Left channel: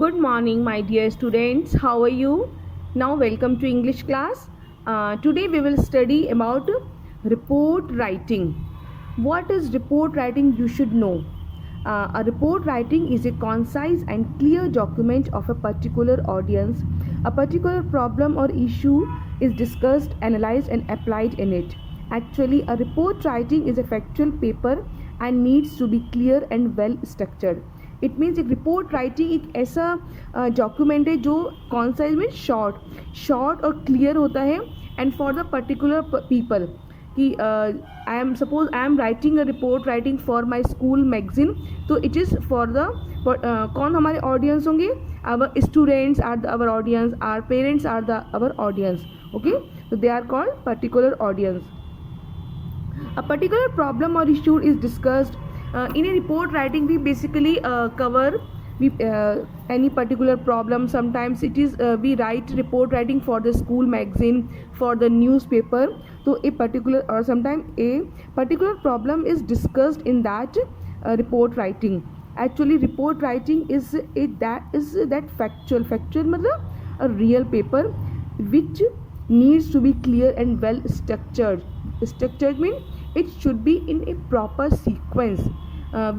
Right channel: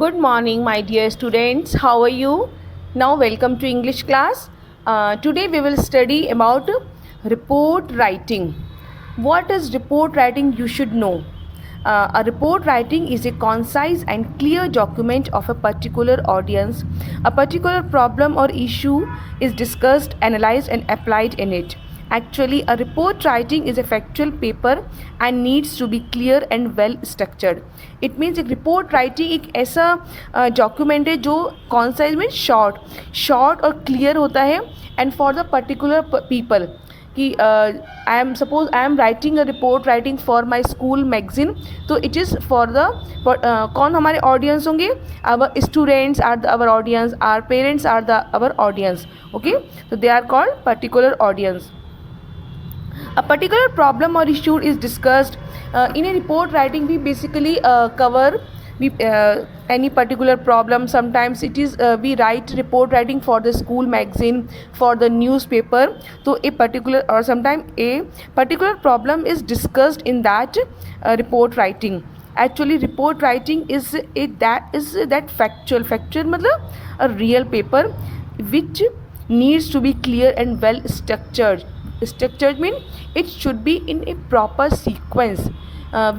Good morning, my dear students. How are you? Now, welcome to English class. Today, we will study about report writing. What is report writing? You should know. A report writing is a concise and clear document of a particular audience. A particular problem or issue is discussed, analyzed, and applied in it. Actually, a report writing is a factual paper and needs to be clear and well structured. It means एक report writing एक ऐसा document है जो concise में short और clear होता है and for the particular people कि I am writing a report writing for my school magazine तो इट इज़ फॉर द कौन हमारे ऑडियंस होंगे our students are our audience are parents are the our audience okay तो they are called particular audience. A particular problem or issue is discussed in a report writing. We basically cover any particular problem. Sometimes it is we write report writing for the school magazine, for the newspaper. So a particular or sometimes a particular problem is discussed in that report writing. Actually report writing is that factual मतलब a real paper which needs to be clear and well structured. Structured means it should be in a proper sequence.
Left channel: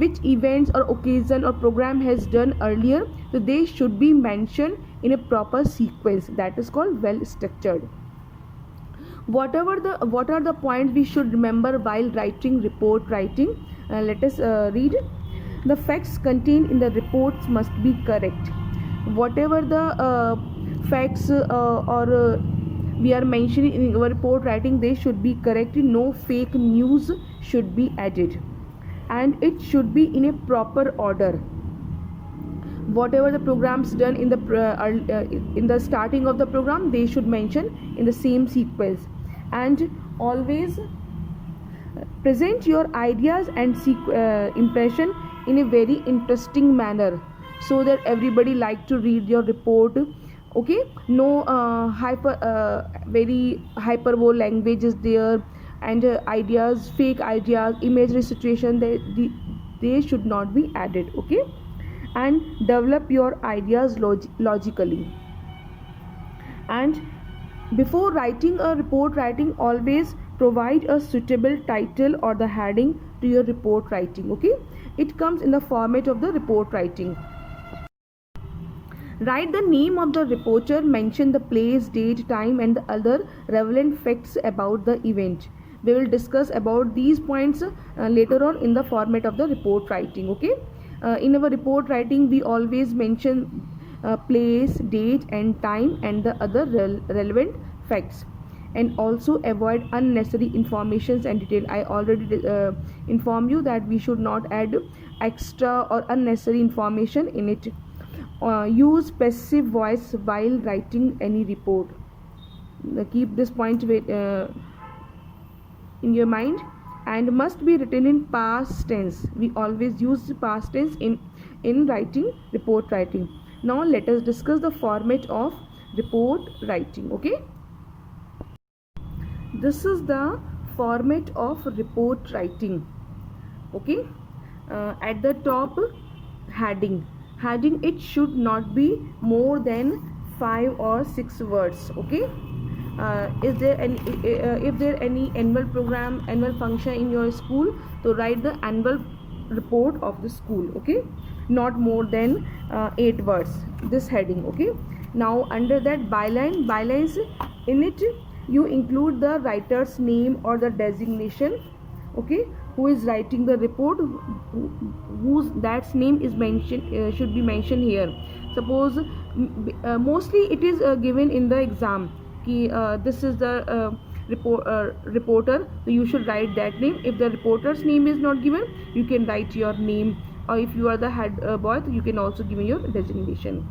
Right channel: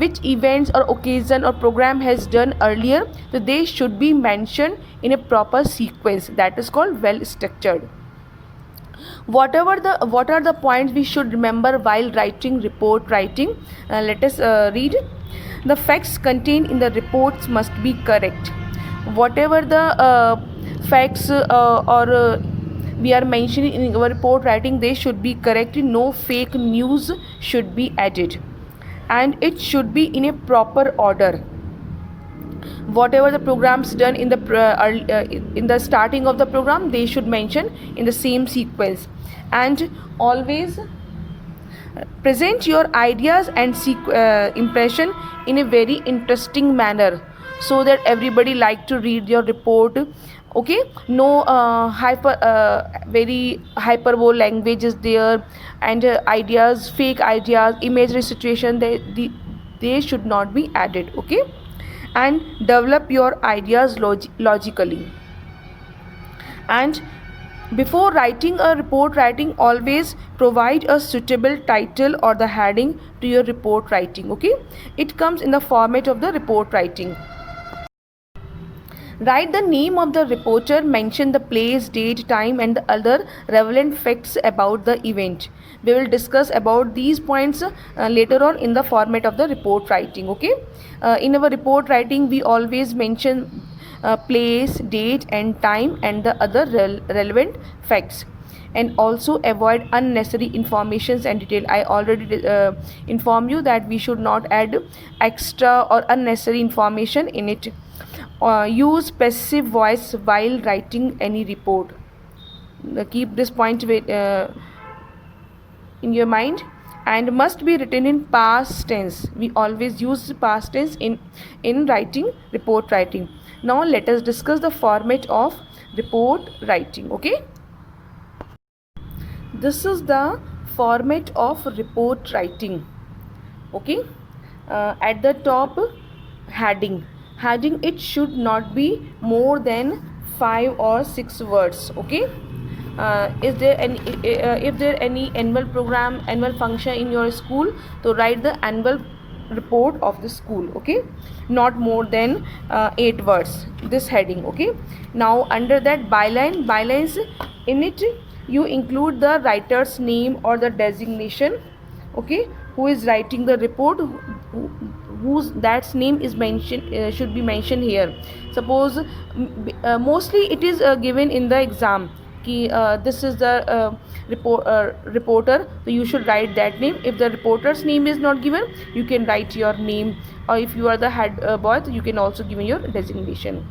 Which events or occasion or program has done earlier, so they should be mentioned in a proper sequence. That is called well structured. What are the points we should remember while writing report writing? Let us read. The facts contained in the reports must be correct. Whatever the facts or we are mentioning in our report writing, they should be correct. No fake news should be added, and it should be in a proper order. Whatever the programs done in the starting of the program, they should mention in the same sequence. And always present your ideas and impression in a very interesting manner so that everybody like to read your report. Okay, no very hyperbole language is there, and ideas, fake ideas, imaginary situation, they should not be added. Okay, and develop your ideas logically. And before writing a report writing, always provide a suitable title or the heading to your report writing. Okay, it comes in the format of the report writing. Write the name of the reporter, mention the place, date, time, and the other relevant facts about the event. We will discuss about these points later on in the format of the report writing. Okay, in our report writing, we always mention place, date, and time, and the other relevant facts. And also avoid unnecessary informations and detail. I already informed you that we should not add extra or unnecessary information in it. Use passive voice while writing any report. Keep this point in your mind. And must be written in past tense. We always use past tense in writing report writing. Now let us discuss the format of report writing. Okay, this is the format of report writing. Okay, at the top, heading, it should not be more than 5 or 6 words. Okay, is there any if there any annual program, annual function in your school, so write the annual report of the school. Okay, not more than 8 words, this heading. Okay, now under that bylines, in it you include the writer's name or the designation. Okay, who is writing the report, whose that name is mentioned, should be mentioned here. Suppose mostly it is given in the exam कि this is the reporter, so you should write that name. If the reporter's name is not given, you can write your name, or if you are the head boy, you can also give your designation.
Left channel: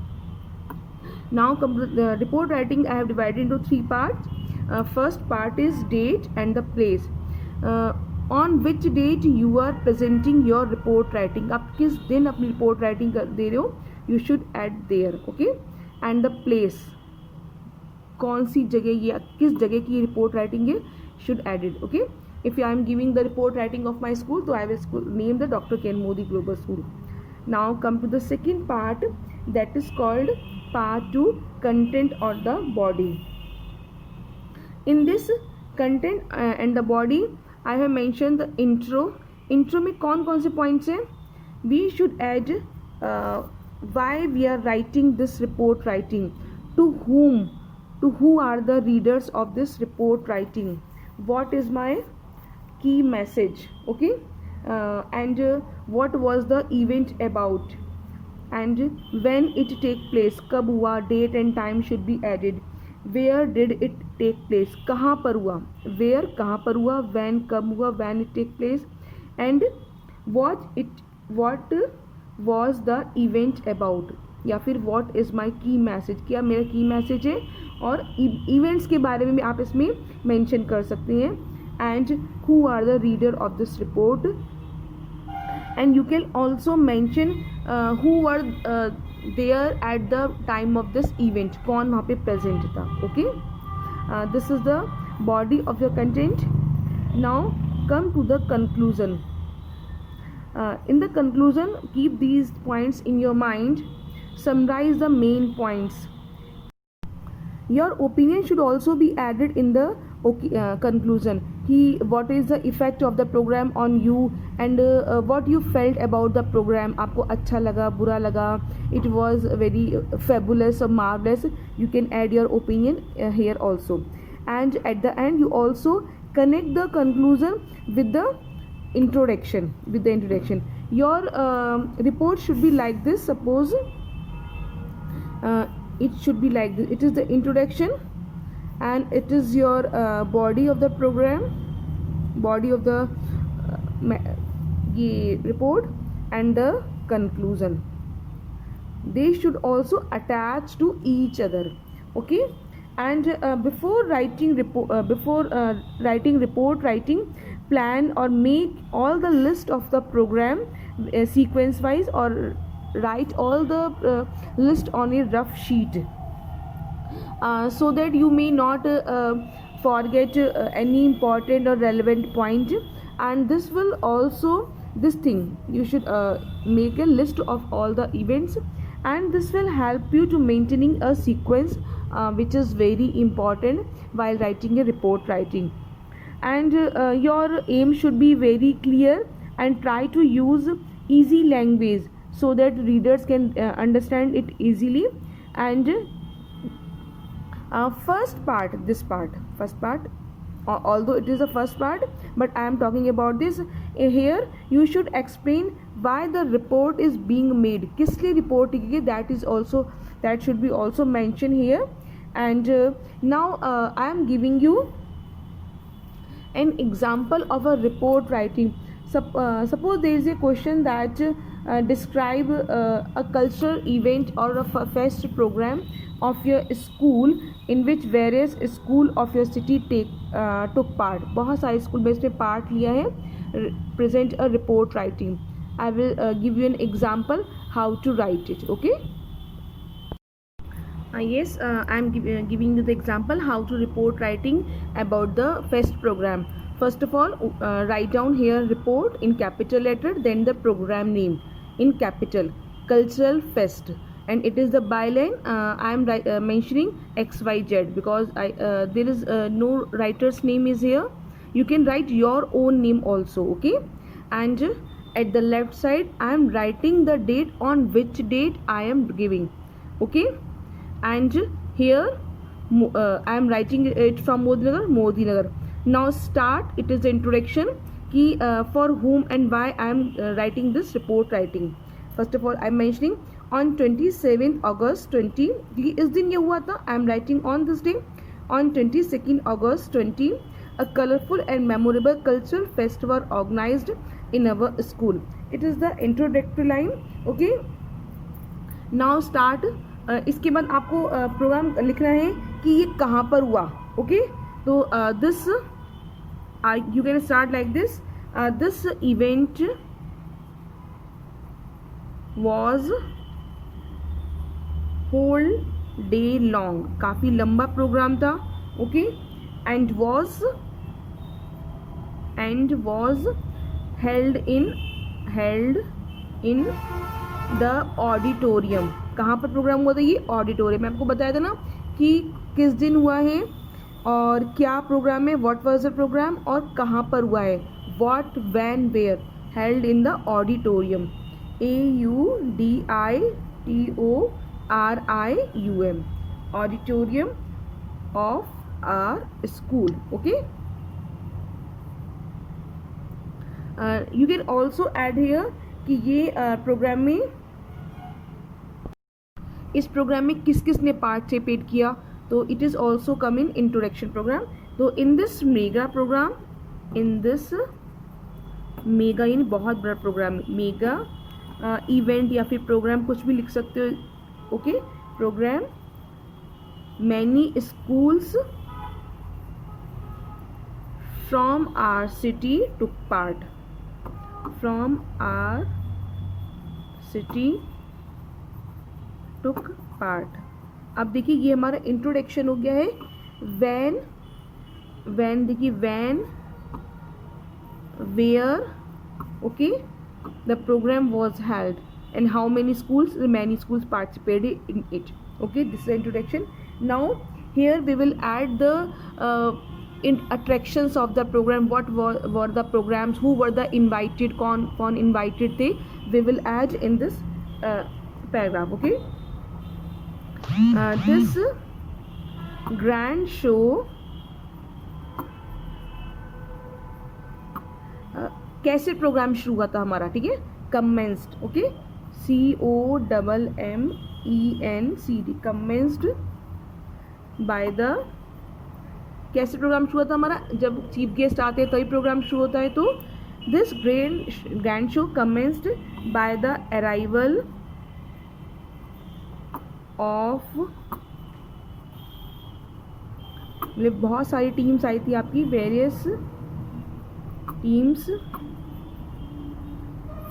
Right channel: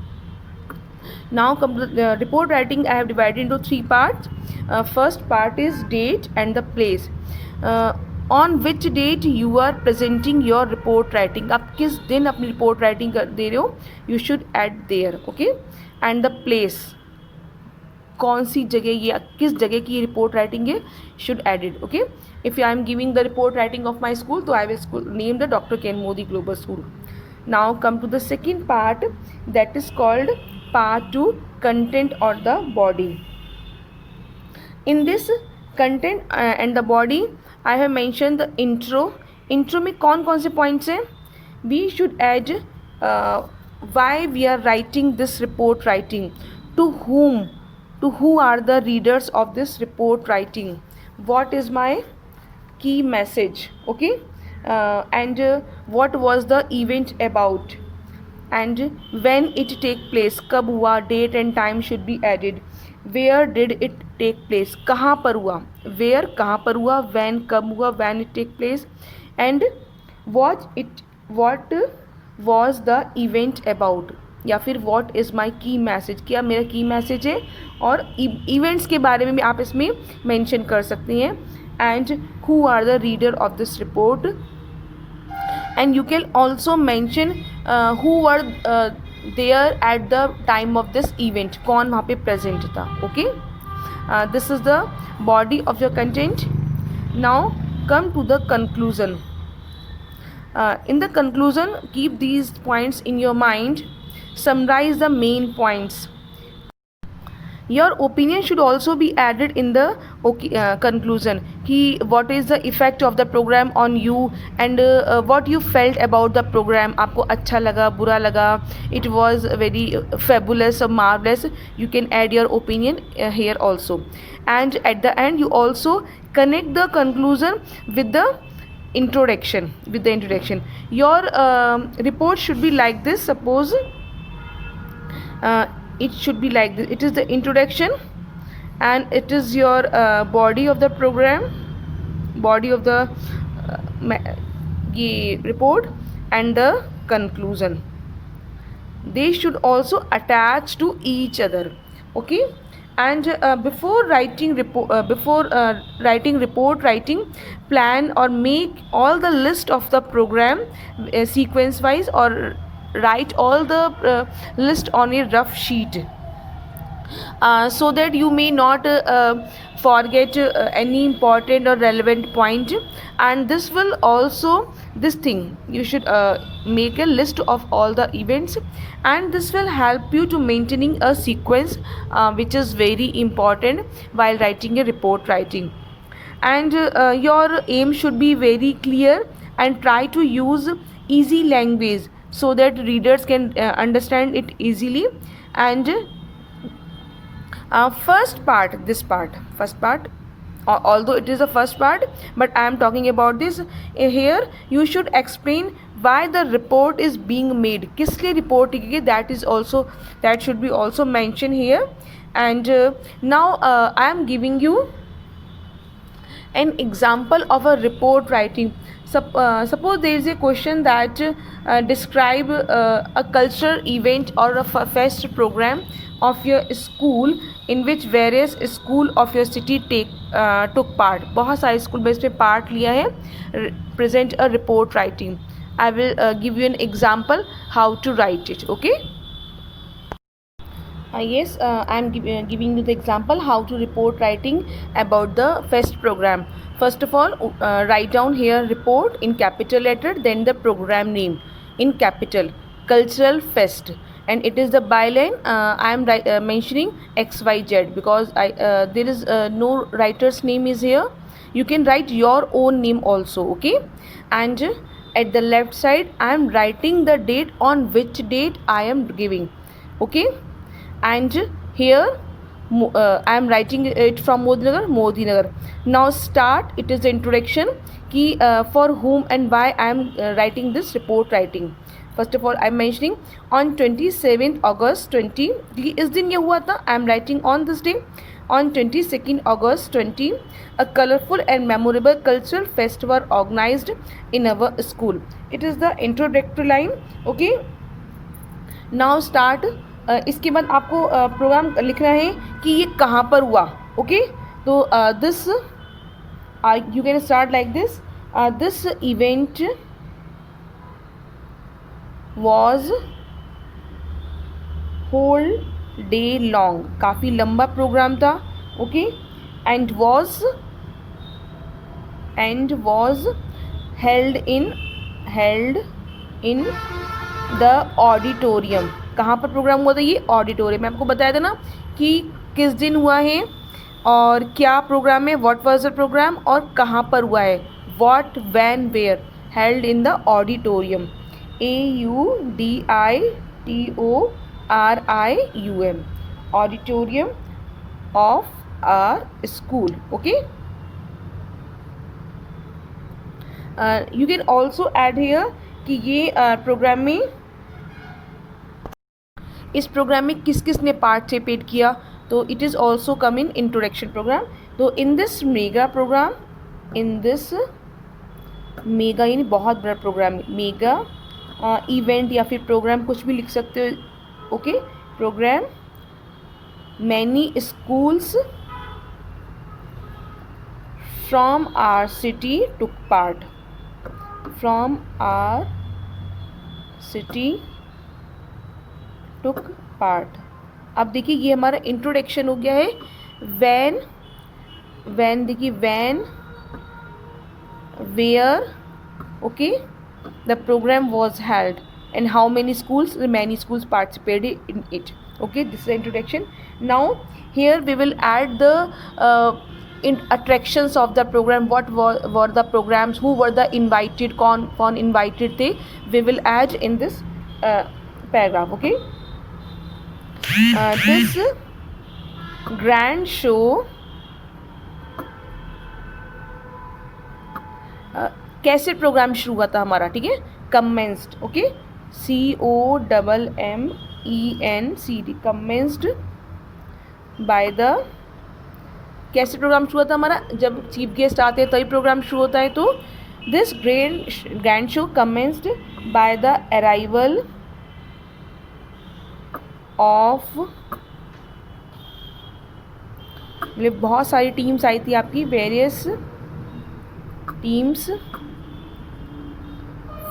Now report writing I have divided into 3 parts. First part is date and the place. On which date you are presenting your report writing, आप किस दिन अपनी report writing दे रहे हो, you should add there. Okay, and the place, कौन सी जगह या किस जगह की report writing है, should add it. Okay, if I am giving the report writing of my school, तो I will name the Dr. Ken Modi Global School. Now come to the second part, that is called part 2, content or the body. In this content and the body, I have mentioned the intro में कौन कौन से points हैं. We should add why we are writing this report writing, to who are the readers of this report writing, what is my key message, okay, and what was the event about, and when it take place, कब हुआ, date and time should be added, where did it take place, कहाँ पर हुआ, where कहाँ पर हुआ, when कब हुआ, when it take place, and what was the event about, या फिर what is my key message, क्या मेरा key message है, और events के बारे में भी आप इसमें mention कर सकते हैं, and who are the reader of this report, and you can also mention who were there at the time of this event, कौन वहाँ पे present था, okay. This is the body of your content. Now come to the conclusion. In the conclusion, keep these points in your mind, summarize the main points. Your opinion should also be added in the conclusion, कि what is the effect of the program on you, and what you felt about the program, आपको अच्छा लगा, बुरा लगा, it was very fabulous or marvelous, you can add your opinion here also. And at the end you also connect the conclusion with the introduction. Your report should be like this. Suppose it should be like this. It is the introduction, and it is your body of the program, body of the report, and the conclusion. They should also attach to each other, okay. And before writing report writing, plan or make all the list of the program sequence wise, or write all the list on a rough sheet, so that you may not forget any important or relevant point. And this will also, this thing you should make a list of all the events, and this will help you to maintaining a sequence which is very important while writing a report writing. And your aim should be very clear, and try to use easy language so that readers can understand it easily. And first part, although it is the first part, but I am talking about this here, you should explain why the report is being made, किस लिए report की गई, that should be also mentioned here. And now I am giving you an example of a report writing. Suppose there is a question that describe a cultural event or a fest program of your school in which various school of your city took part. बहुत सारे school में इसमें part लिया है. Present a report writing. I will give you an example how to write it, okay. Yes, I am giving you the example how to report writing about the fest program. First of all, write down here report in capital letter, then the program name in capital, cultural fest, and it is the byline. I am mentioning XYZ because there is no writer's name is here. You can write your own name also, okay. And at the left side I am writing the date on which date I am giving, okay. And here I am writing it from Modi Nagar. Now start, it is the introduction कि for whom and why I am writing this report writing. First of all I am mentioning on 27th August 20, इस दिन ये हुआ था, I am writing on this day. On 22nd August 20, a colorful and memorable cultural fest were organized in our school. It is the introductory line, okay. Now start. इसके बाद आपको programme लिखना है कि ये कहाँ पर हुआ, ओके. तो this you can start like this. This event was whole day long, काफ़ी लंबा प्रोग्राम था, okay. And was held in the auditorium. कहाँ पर प्रोग्राम हुआ था? ये ऑडिटोरियम। मैं आपको बताया था ना कि किस दिन हुआ है और क्या प्रोग्राम है, व्हाट वाज द प्रोग्राम, और कहाँ पर हुआ है, what, when, where, held in the auditorium. AUDITORIUM, auditorium of our school. Okay, you can also add here कि ये प्रोग्राम में, इस प्रोग्राम में किस किस ने पार्टिसिपेट किया, तो it is also come in introduction program. तो in this mega program, in this mega यानी बहुत बड़ा प्रोग्राम, मेगा इवेंट या फिर प्रोग्राम कुछ भी लिख सकते हो। Okay, program many schools from our city took part, from our city took part. अब देखिए ये हमारा इंट्रोडक्शन हो गया है। वैन, वैन देखिए, when, where, okay, the program was held, and how many schools, many schools participated in it. Okay, this is the introduction. Now here we will add the attractions of the program. What were the programs, who were the invited, कौन invited थे, we will add in this paragraph. Okay, this grand show कैसे programme शुरू हुआ था हमारा, ठीक है, commenced. Okay, COMMENCD, commenced by the, कैसे प्रोग्राम शुरू हुआ था हमारा, जब चीफ गेस्ट आते हैं तभी प्रोग्राम शुरू होता है। तो this grand show commenced by the arrival of, मतलब बहुत सारी टीम्स आई थी आपकी, various teams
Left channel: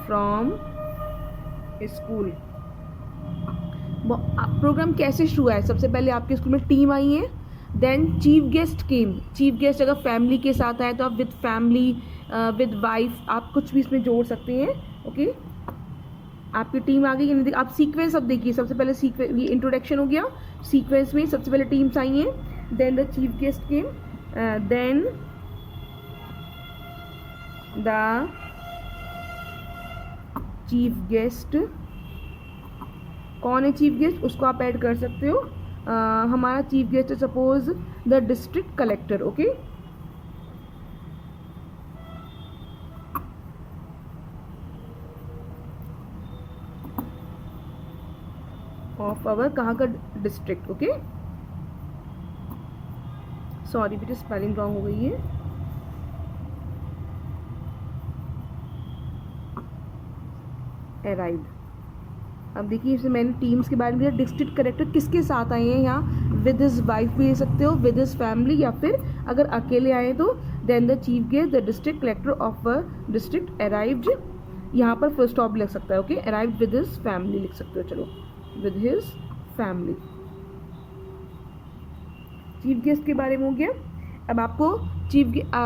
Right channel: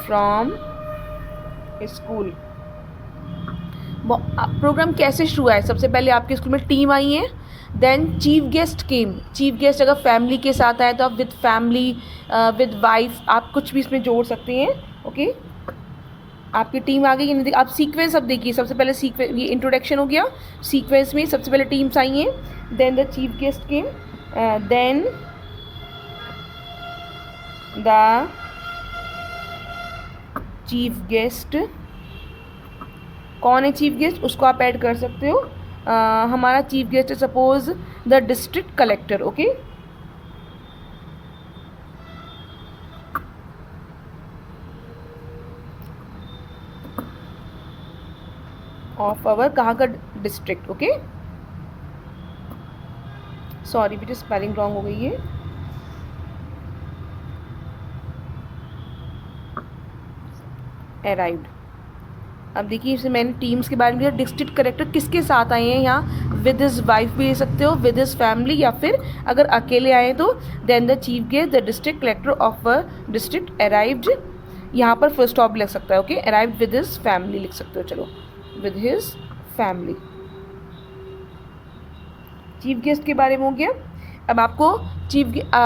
from school. Program कैसे शुरू हुआ है? सबसे पहले आपके स्कूल में टीम आई है, देन चीफ गेस्ट केम। चीफ गेस्ट अगर फैमिली के साथ आए तो आप विद फैमिली, विद वाइफ, आप कुछ भी इसमें जोड़ सकते हैं। ओके, आपकी टीम आ गई कि नहीं? आप सीक्वेंस अब देखिए, सबसे पहले सीक्वेंस, ये इंट्रोडक्शन हो गया, सीक्वेंस में सबसे पहले टीम्स आई हैं, then the chief guest came, then the chief guest, कौन है चीफ गेस्ट, उसको आप ऐड कर सकते हो। हमारा चीफ गेस्ट है suppose the district collector. Okay, of our, कहाँ का डिस्ट्रिक्ट। ओके, सॉरी बेटा स्पेलिंग रॉन्ग हो गई है। अराइव्ड, अब देखिए इसमें मैंने टीम्स के बारे में दिया। डिस्ट्रिक्ट कलेक्टर किसके साथ आए हैं यहाँ, विद हिज वाइफ भी ले सकते हो, विद हिज फैमिली, या फिर अगर अकेले आए तो then the chief guest the district collector of a district arrived, यहाँ पर फुल स्टॉप लग सकता है। Okay, arrived with his family लिख सकते हो, चलो with his family. Chief guest के बारे में हो गया। अब आपको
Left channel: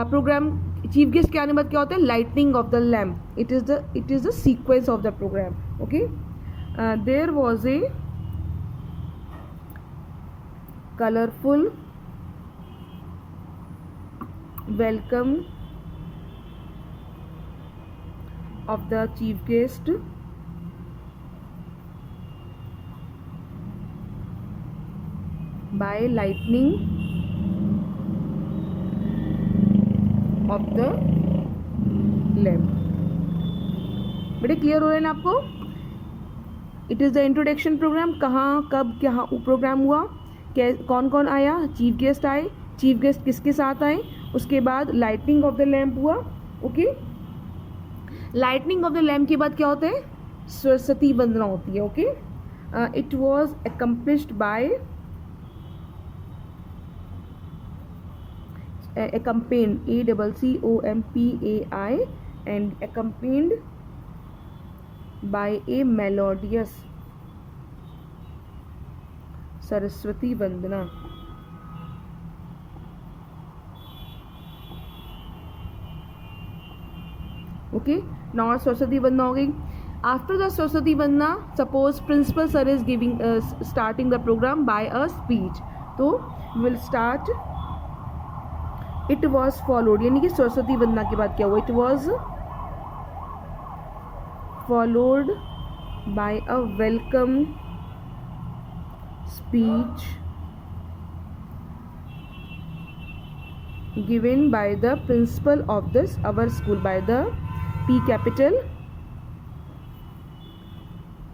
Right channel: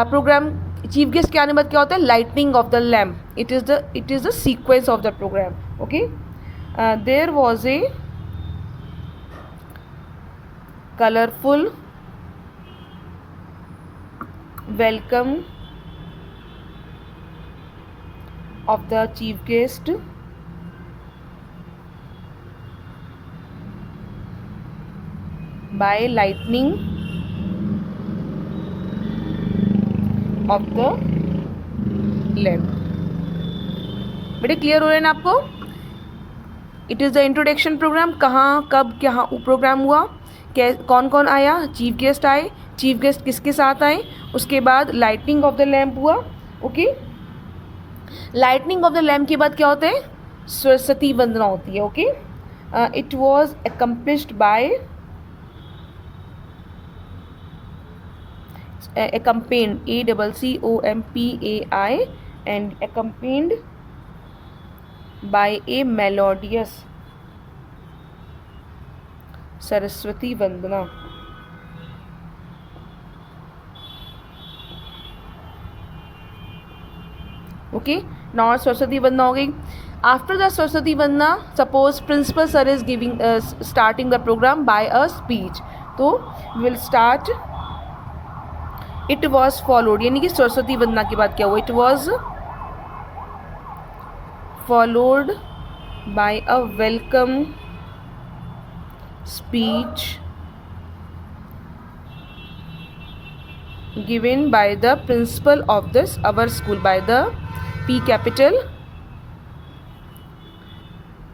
प्रोग्राम चीफ गेस्ट के आने बाद क्या होता है, lightning of the lamp, it is the sequence of the program. Okay, there was a colorful welcome of the chief guest by lightning of the lamp। बेटे क्लियर हो रहे हैं ना आपको? It is the introduction program, कहाँ कब क्या program हुआ, कौन कौन आया, चीफ गेस्ट आए, चीफ गेस्ट किसके साथ आए, उसके बाद लाइटनिंग ऑफ द लैम्प हुआ। Okay, lightning of the lamp के बाद क्या होता है, सरस्वती वंदना होती है। Okay, it was accomplished by accompanied, ACCOMPAI, and accompanied by a melodious Saraswati Vandana. Okay, north Saraswati वंदना हो गई। After the Saraswati Vandana, suppose principal sir is giving starting the program by a speech, तो we will start. It was followed, यानी कि सरस्वती वंदना के बाद क्या हुआ, it was followed by a welcome speech given by the principal of this our school, by the P capital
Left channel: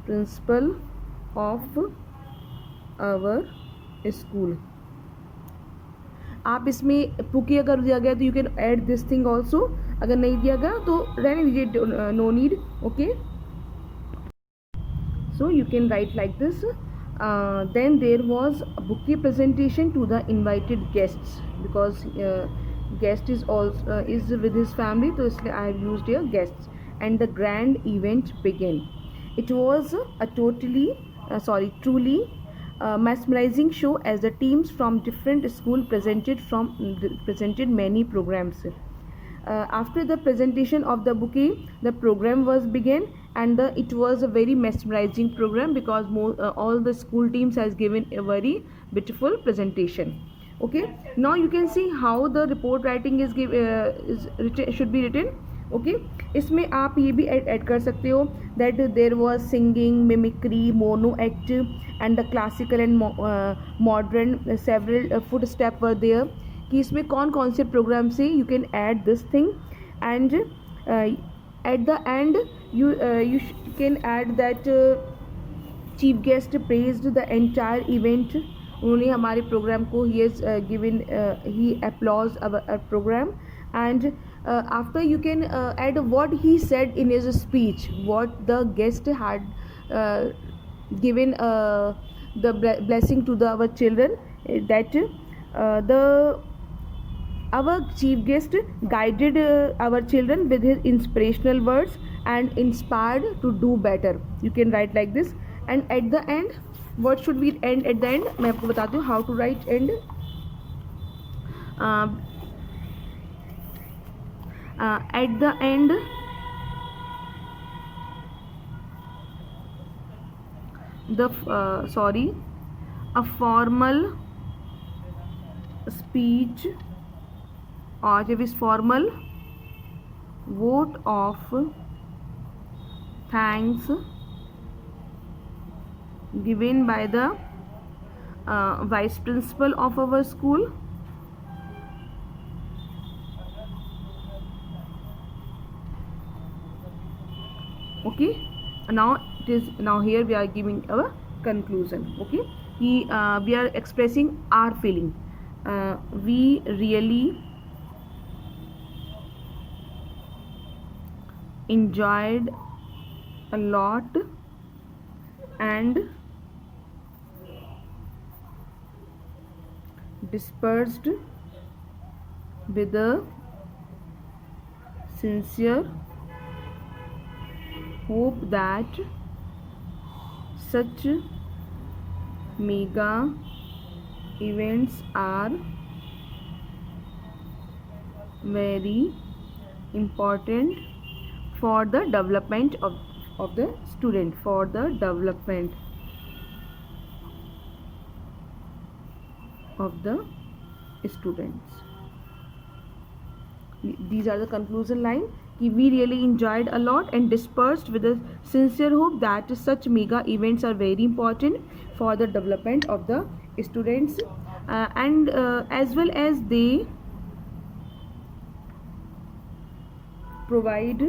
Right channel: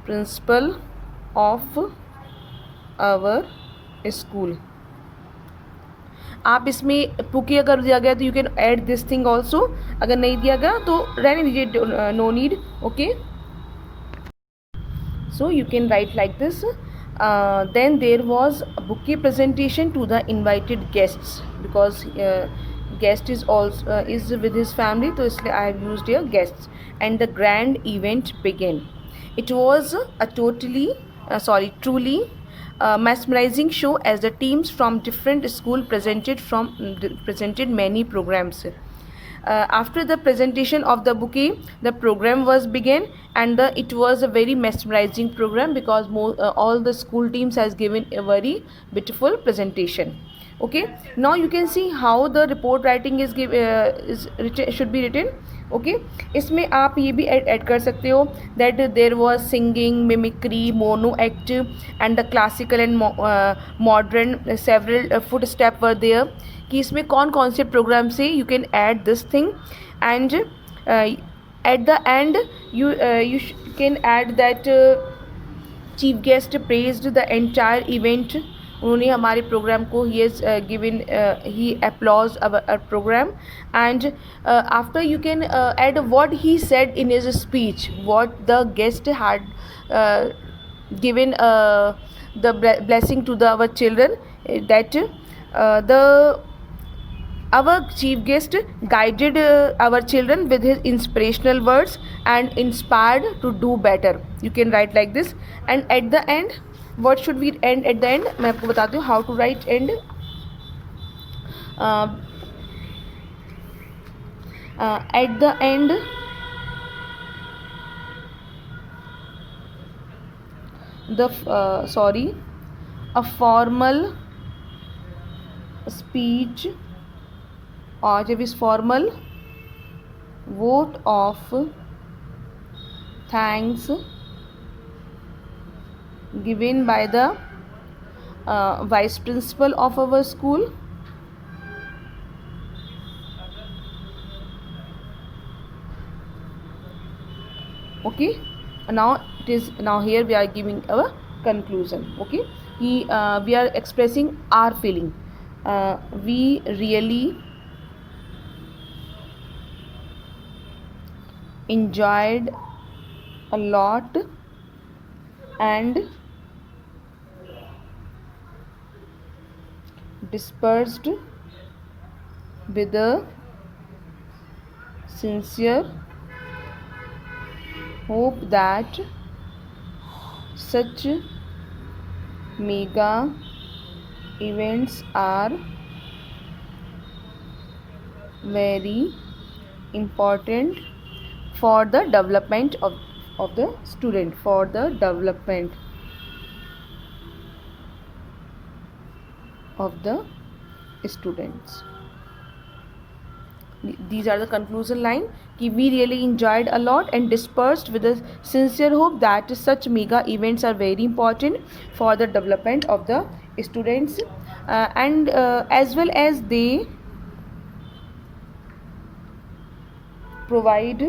principal of our school. आप इसमें पुकी अगर दिया गया तो you can add this thing also, अगर नहीं दिया गया तो रहने दीजिए, no need. Okay, so you can write like this. Then there was bouquet presentation to the invited guests, because guest is also is with his family, तो इसलिए I have used here guests. And the grand event began. It was a truly mesmerizing show as the teams from different school presented many programs. After the presentation of the bouquet, the program was began, and it was a very mesmerizing program because all the school teams has given a very beautiful presentation. Okay, now you can see how the report writing is should be written. Okay, इसमें आप ये भी add कर सकते हो that there was singing, mimicry, mono act and the classical and modern several foot step were there, कि इसमें कौन कौन से प्रोग्राम से you can add this thing. And at the end you can add that chief guest praised the entire event. उन्होंने हमारे program को ही has given he applause our program. And after you can add what he said in his speech, what the guest had given the blessing to the our children, that our chief guest guided our children with his inspirational words and inspired to do better. You can write like this. And at the end, what should we end at the end? मैं आपको बताती हूँ how to write end. At the end, a formal speech or जब इस formal vote of thanks given by the vice principal of our school. Okay, now here we are giving our conclusion. Okay, we are expressing our feeling. We really enjoyed a lot and dispersed with a sincere hope that such mega events are very important for the development of the student, for the development of the students. These are the conclusion line. We really enjoyed a lot and dispersed with a sincere hope that such mega events are very important for the development of the students, and as well as they provide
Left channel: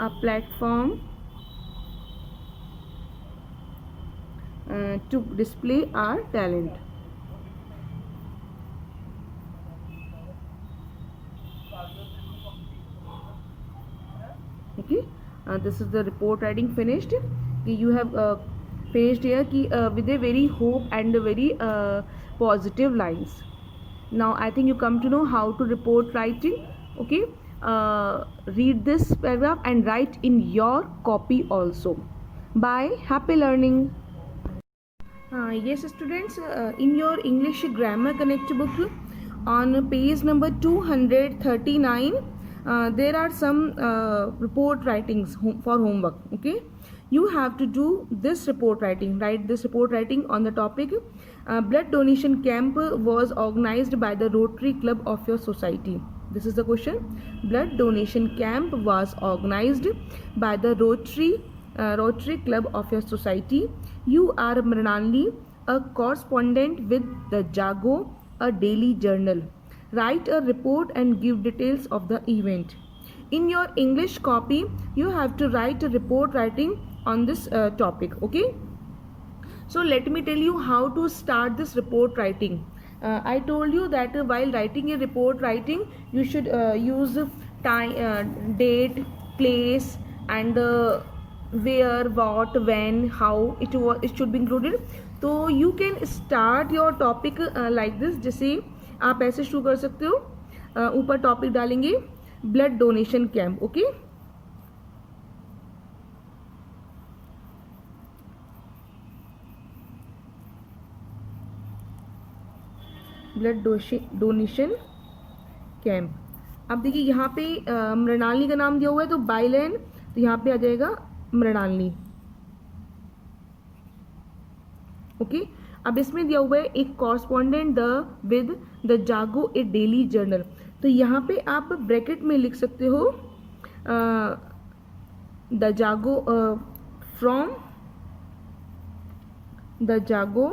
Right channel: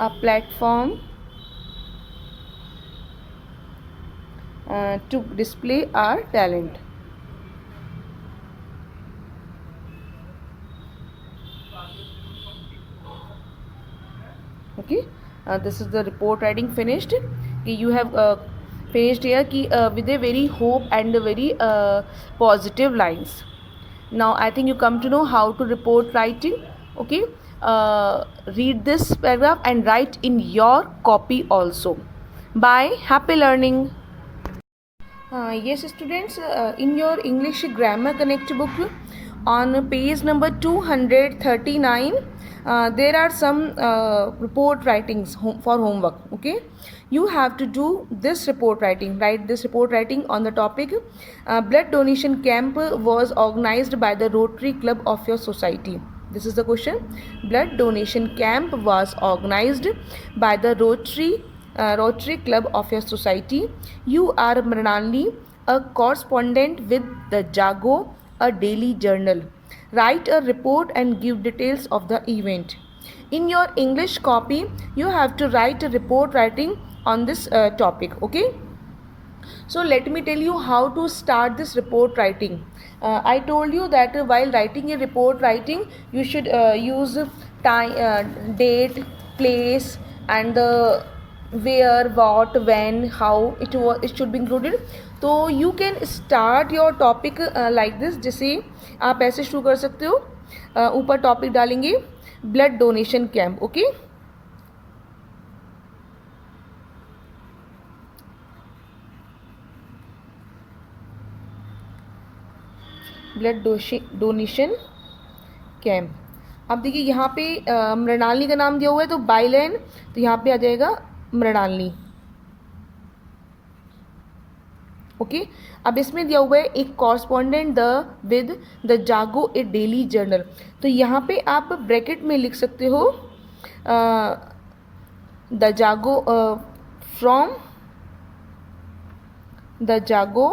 a platform to display our talent. Okay, this is the report writing finished. You have finished here with a very hope and a very positive lines. Now I think you come to know how to report writing. Okay, read this paragraph and write in your copy also. Bye, happy learning. Yes students, in your English grammar connect book on page number 239, there are some report writings for homework. Okay, you have to do this report writing. Write this report writing on the topic blood donation camp was organized by the Rotary Club of your society. This is the question. Blood donation camp was organized by the Rotary Club of your society. You are Mrinalini, a correspondent with the Jago, a daily journal. Write a report and give details of the event. In your English copy, you have to write a report writing on this topic. Okay. So let me tell you how to start this report writing. I told you that while writing a report writing, you should use time, date, place, and the where, what, when, how it should be included. तो you can start your topic like this. जैसे आप ऐसे शुरू कर सकते हो. ऊपर topic डालेंगे blood donation camp. Okay, blood donation camp. अब देखिए यहाँ पे मृणालिनी का नाम दिया हुआ है, तो बाय लैंड, तो यहाँ पे आ जाएगा मृणालिनी. ओके, अब इसमें दिया हुआ है एक कॉरस्पॉन्डेंट विद द जागो ए डेली जर्नल. तो यहाँ पे आप ब्रैकेट में लिख सकते हो द जागो फ्रॉम द जागो.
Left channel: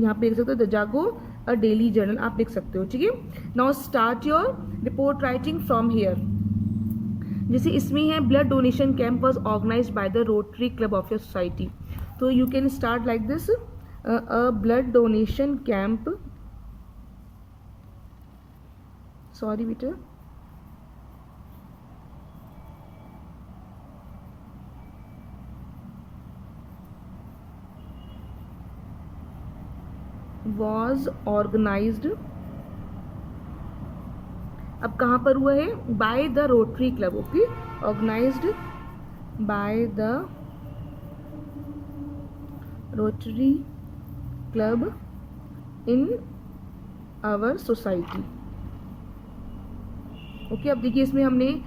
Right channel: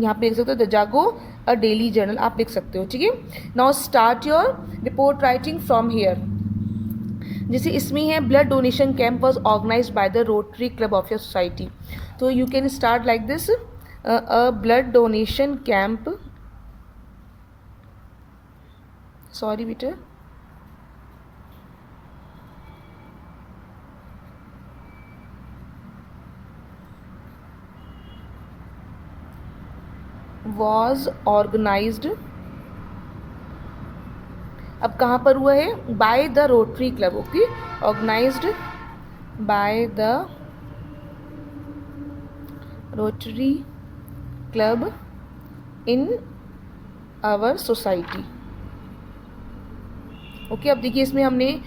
यहाँ पे लिख सकते हो द जागो अ डेली जर्नल, आप लिख सकते हो. ठीक है, now start your report writing from here. जैसे इसमें है blood donation camp was organised by the Rotary Club of your society. तो you can start like this, a blood donation camp, sorry beta, was organized. अब कहाँ पर हुआ है? By the Rotary Club. Okay, organized by the Rotary Club in our society. Okay, अब देखिए इसमें हमने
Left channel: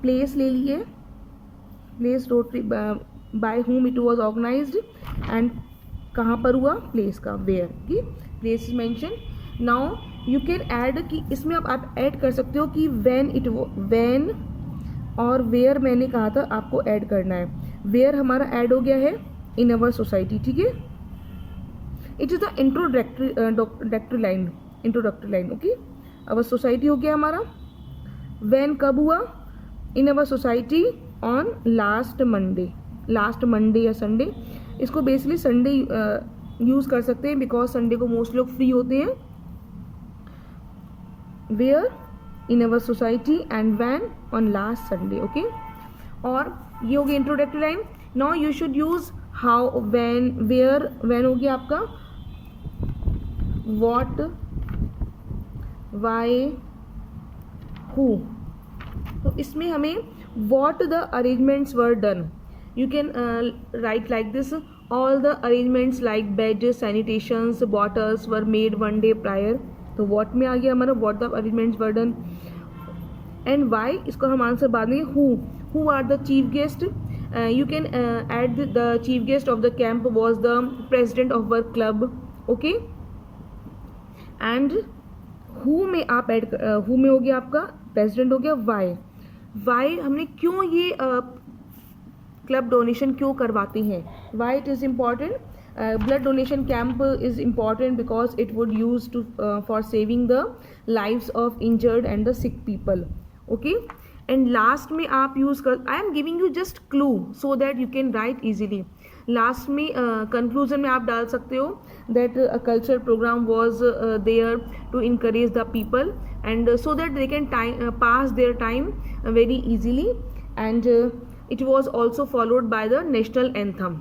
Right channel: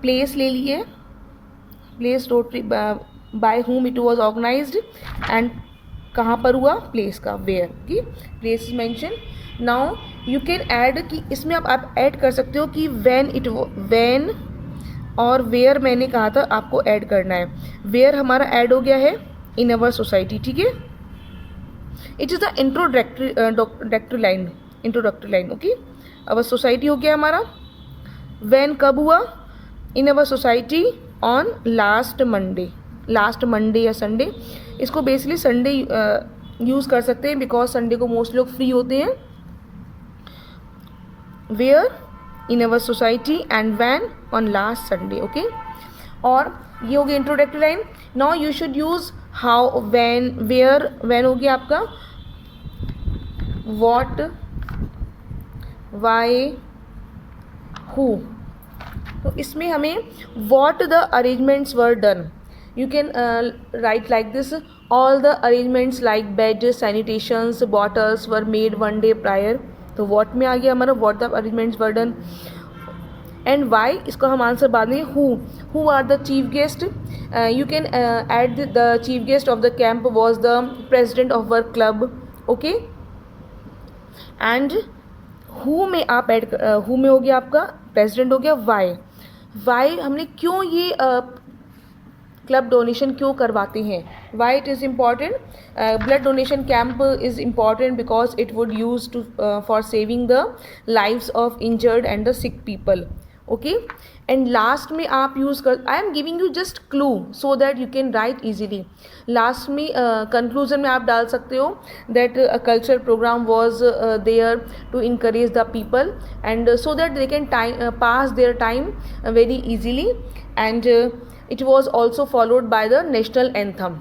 प्लेस ले ली है. Place Rotary by whom it was organized, and कहाँ पर हुआ? प्लेस का वेयर की place is mention. Now you can add कि इसमें आप ऐड कर सकते हो कि व्हेन और वेयर मैंने कहा था आपको ऐड करना है. वेयर हमारा ऐड हो गया है इन अवर सोसाइटी. ठीक है, it is the introductory line. Okay, our society हो गया हमारा. व्हेन कब हुआ? In our society on last Monday या संडे. इसको बेसिकली संडे यूज़ कर सकते हैं बिकॉज संडे को मोस्ट लोग फ्री होते हैं. Where in our society and when on last Sunday. Okay, और ये हो गया introductory line. Now you should use how, when, where. When हो गया आपका व्हाट, व्हाई, हु. तो इसमें हमें what the arrangements were done. You can write like this, all the arrangements like bed, sanitations, bottles were made one day prior. तो what में आ गया हमारा what the arrangements were done. And why, इसको हम answer बाद में. who are the chief guest. You can add the chief guest of the camp was the president of our club. Okay, and who में आप add, who में हो गया आपका president हो गया. why हमने क्यों ये क्लब डोनेशन क्यों करवाते हैं? Why it is important? Blood donation camp is important because it would use to for saving the lives of injured and the sick people. Okay, and last में आप यूज़ कर, I am giving you just clue so that you can write easily. Last में conclusion में आप डाल सकते हो that a culture program was there to encourage the people and so that they can pass their time very easily. And it was also followed by the national anthem.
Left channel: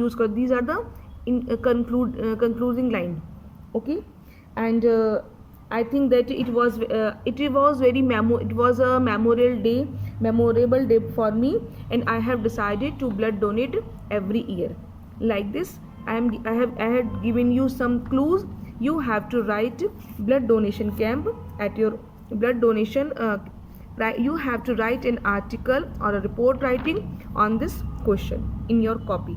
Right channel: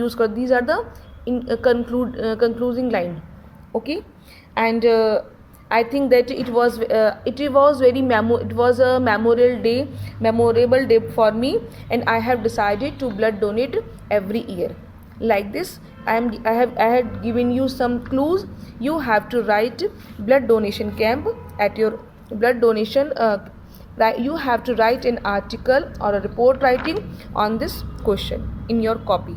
Use kar, these are the concluding line. Okay, and I think that it was very it was a memorable day for me, and I have decided to blood donate every year. Like this, I had given you some clues. You have to write blood donation camp at your blood donation, you have to write an article or a report writing on this question in your copy.